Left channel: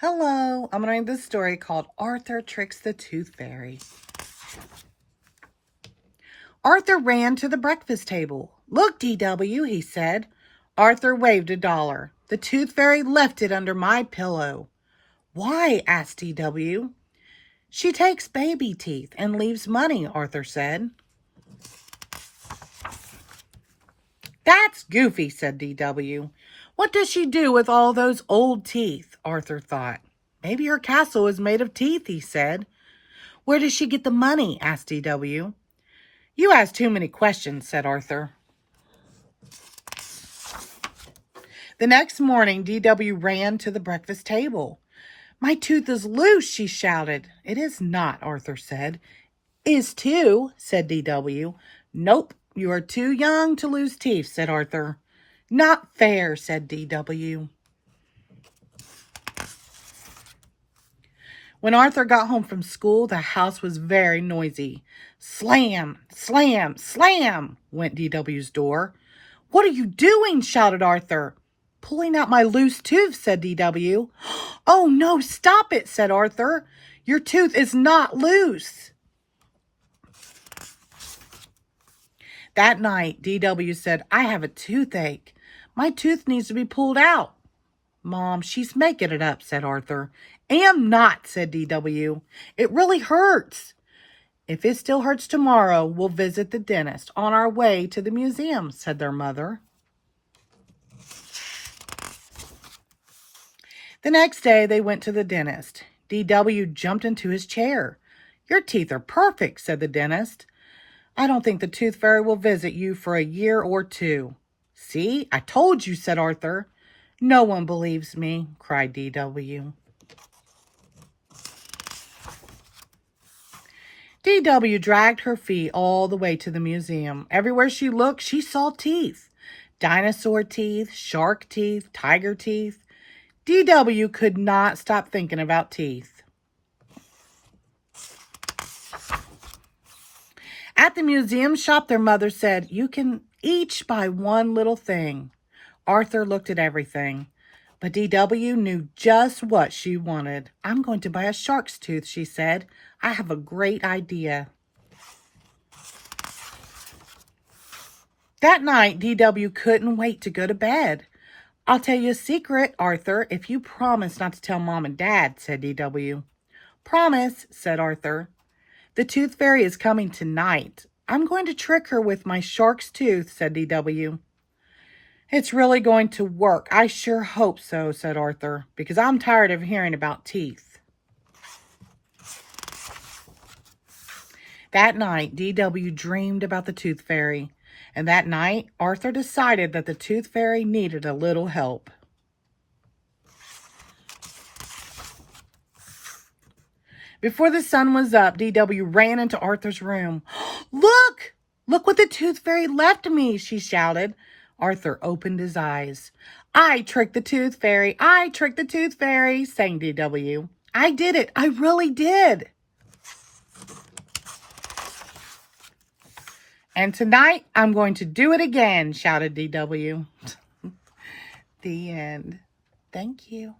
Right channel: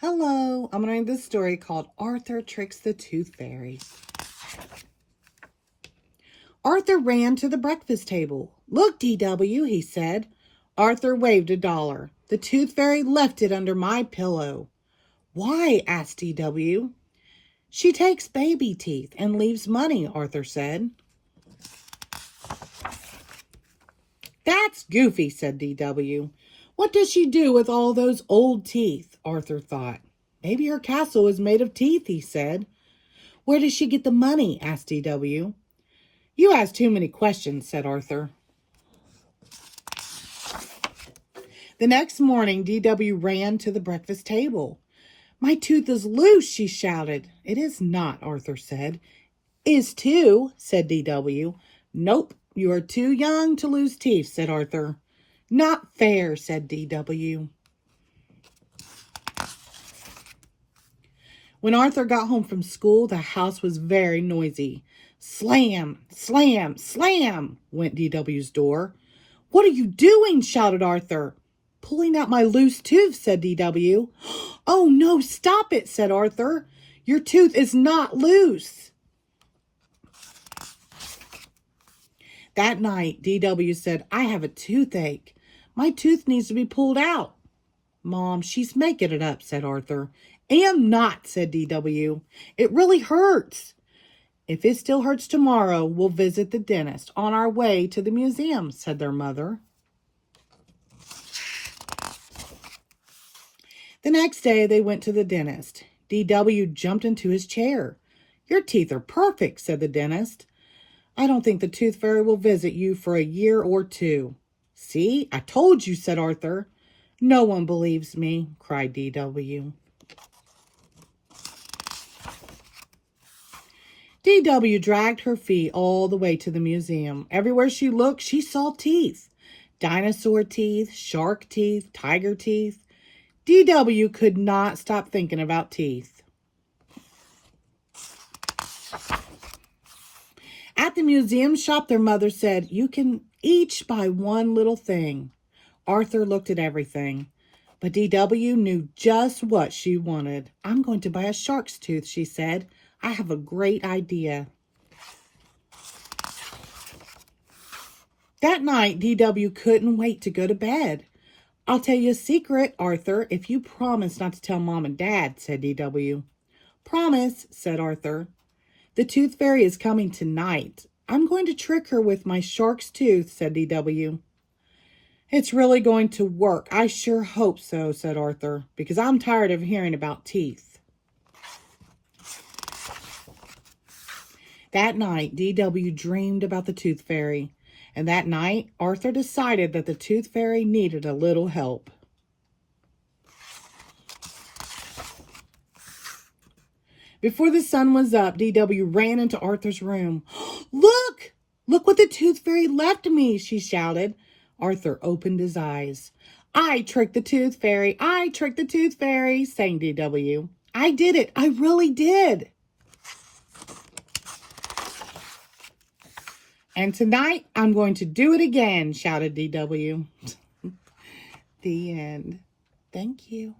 Hello, I'm going to read this story called Arthur Tricks the Tooth Fairy. Arthur ran to the breakfast table. "Look, DW," he said. Arthur waved $1. "The Tooth Fairy left it under my pillow." "Why?" asked DW. "She takes baby teeth and leaves money," Arthur said. "That's goofy," said DW. "What does she do with all those old teeth?" Arthur thought. "Maybe her castle is made of teeth," he said. "Where does she get the money?" asked DW. "You ask too many questions," said Arthur. The next morning, DW ran to the breakfast table. "My tooth is loose," she shouted. "It is not," Arthur said. "Is too," said DW. "Nope, you are too young to lose teeth," said Arthur. "Not fair," said DW. When Arthur got home from school, the house was very noisy. Slam, slam, slam went DW's door. "What are you doing?" shouted Arthur. "Pulling out my loose tooth," said DW. "Oh no, stop it," said Arthur. "Your tooth is not loose." That night, DW said, "I have a toothache. My tooth needs to be pulled out." "Mom, she's making it up," said Arthur. "Am not," said DW. "It really hurts." "If it still hurts tomorrow, we'll visit the dentist on our way to the museum," said their mother. The next day, they went to the dentist. DW jumped into his chair. "Your teeth are perfect," said the dentist. "I don't think the Tooth Fairy will visit you for a year or two." "See, I told you," said Arthur. "No one believes me," cried DW. DW dragged her feet all the way to the museum. Everywhere she looked, she saw teeth. Dinosaur teeth, shark teeth, tiger teeth. DW could not stop thinking about teeth. At the museum shop, their mother said, "You can each buy one little thing." Arthur looked at everything, but DW knew just what she wanted. "I'm going to buy a shark's tooth," she said. "I have a great idea." That night, DW couldn't wait to go to bed. "I'll tell you a secret, Arthur, if you promise not to tell Mom and Dad," said DW. "Promise," said Arthur. "The Tooth Fairy is coming tonight. I'm going to trick her with my shark's tooth," said DW. "It's really going to work. I sure hope so," said Arthur, "because I'm tired of hearing about teeth." That night, DW dreamed about the Tooth Fairy. And that night, Arthur decided that the Tooth Fairy needed a little help. Before the sun was up, DW ran into Arthur's room. "Look! Look what the Tooth Fairy left me," she shouted. Arthur opened his eyes. "I tricked the Tooth Fairy. I tricked the Tooth Fairy," sang DW. "I did it. I really did." "And tonight, I'm going to do it again," shouted DW. The end. Thank you.